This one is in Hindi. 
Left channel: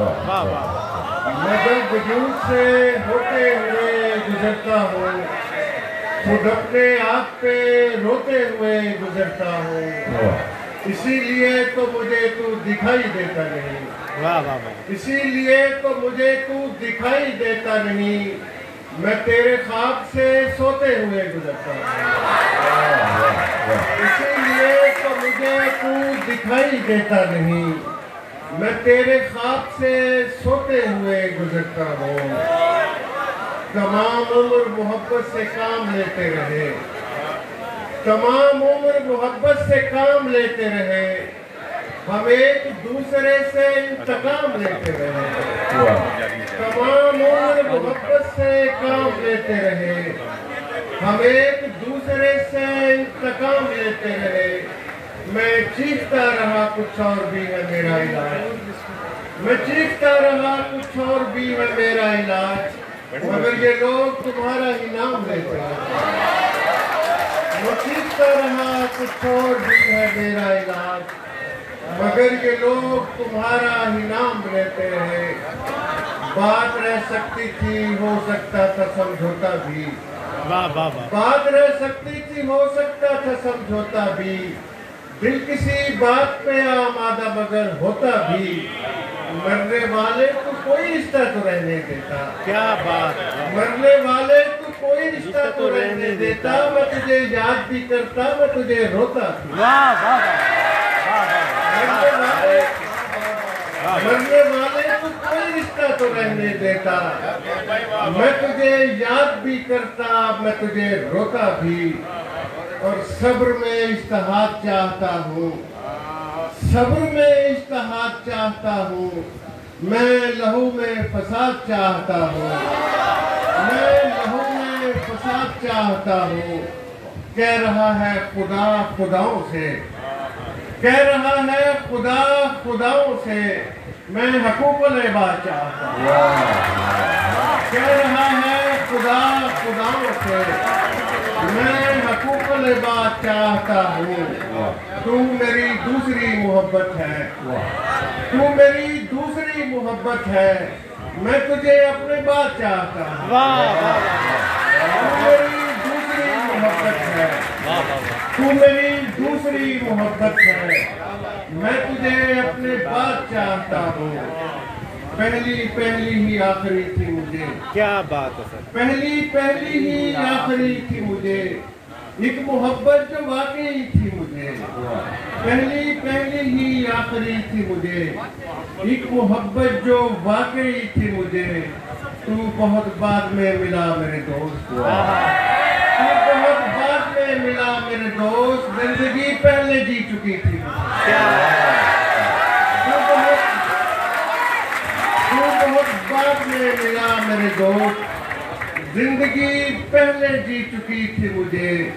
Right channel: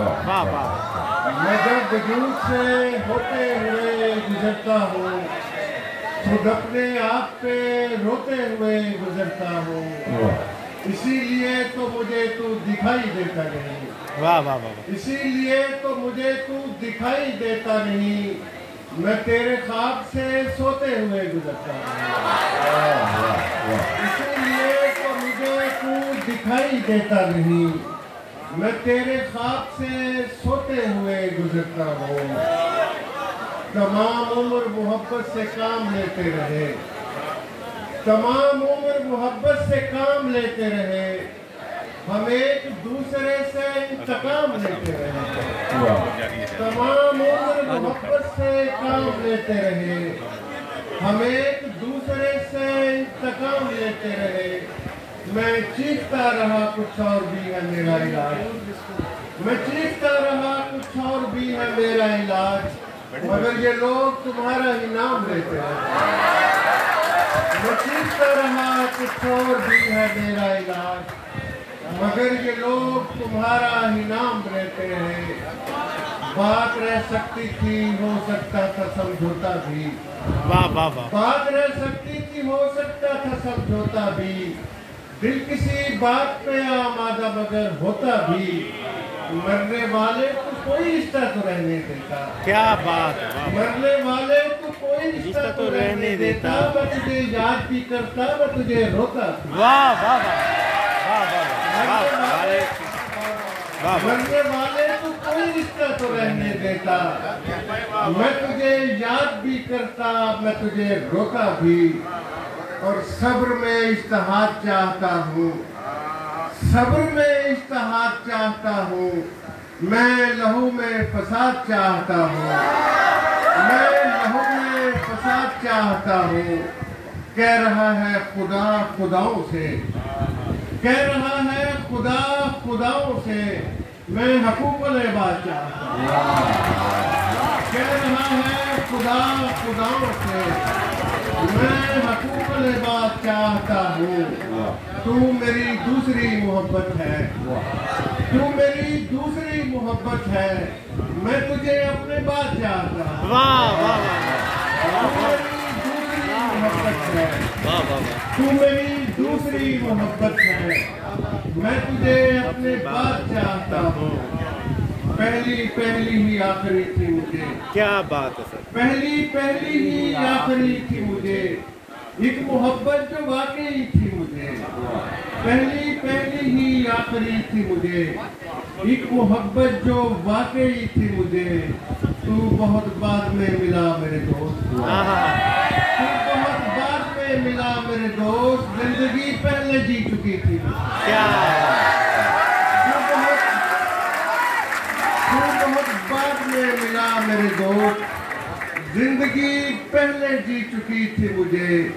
मैं जब वजूद से होते हुए गुजरता हूँ, खुद अपने आप पे रोते हुए गुजरता हूँ, इसीलिए तो मुझे तू दिखाई देता नहीं। इसीलिए तो मुझे तू दिखाई देता नहीं। मैं तेरे ख्वाब से सोते हुए गुजरता हूँ, इसीलिए तो मुझे तू दिखाई देता नहीं। मैं तेरे ख्वाब से सोते हुए गुजरता हूँ। तमाम उम्र मोहब्बत से काम लेते रहे, तमाम उम्र मोहब्बत से काम लेते रहे, हम एक दूसरे से इंतकाम लेते रहे। तमाम उम्र मोहब्बत से काम लेते रहे, हम एक दूसरे से इंतकाम लेते रहे। मैं चीखता रहा कुछ और भी है मेरा इलाज, मैं चीखता रहा कुछ और भी है मेरा इलाज, मगर ये लोग तुम्हारा ही नाम लेते हैं। मैं चीखता रहा कुछ और भी है मेरा इलाज, मगर ये लोग तुम्हारा ही नाम लेते हैं। बात रह सकती थी, हो सकता था समझौता भी, बात रह सकती थी, हो सकता था समझौता भी। दिल किसी बात पे आमादा मगर होता भी, मरने वाले को कोई रिश्ता तो रहने देता। क्या बात, मरने वाले को कोई रिश्ता तो रहने देता। मैं तुझे याद भी करता, मैं तुझे रोता भी। मरने वाले को कोई रिश्ता तो रहने देता। मैं तुझे याद भी करता, मैं तुझे रोता भी। और सब्र में इज्तिहाद चाहता हूँ, सब्र में इज्तिहाद चाहता हूँ। मैं लहू में फसाद चाहता हूँ, मैं लहू में फसाद चाहता हूँ। कह रहा है खुदा खुदाओं से, कह रहा है खुदा खुदाओं से, मैं हकूक़ुल इबाद चाहता हूँ। कह रहा है खुदा खुदाओं से, मैं हकूक़ुल इबाद चाहता हूँ। तू मेरी दूसरी मोहब्बत है, तू मेरी दूसरी मोहब्बत है। मैं तुझे अपने बाद चाहता हूँ। तू मेरी दूसरी मोहब्बत है, तू मेरी दूसरी मोहब्बत है। मैं तुझे अपने बाद चाहता हूँ। पहली पहली ही आखिरी थी मुझे। क्या बात है सर। पहली पहली ही आखिरी थी मुझे, एक मोहब्बत जो वाकई थी मुझे। पहली पहली ही आखिरी थी मुझे, एक मोहब्बत जो वाकई थी मुझे। तू बहुत बाद में मिला मेरे दोस्त, तू बहुत बाद में मिला मेरे दोस्त। जिंदगी पहले जी चुकी थी, बहुत बाद में मिला मेरे दोस्त। जिंदगी पहले जी चुकी थी मुझे।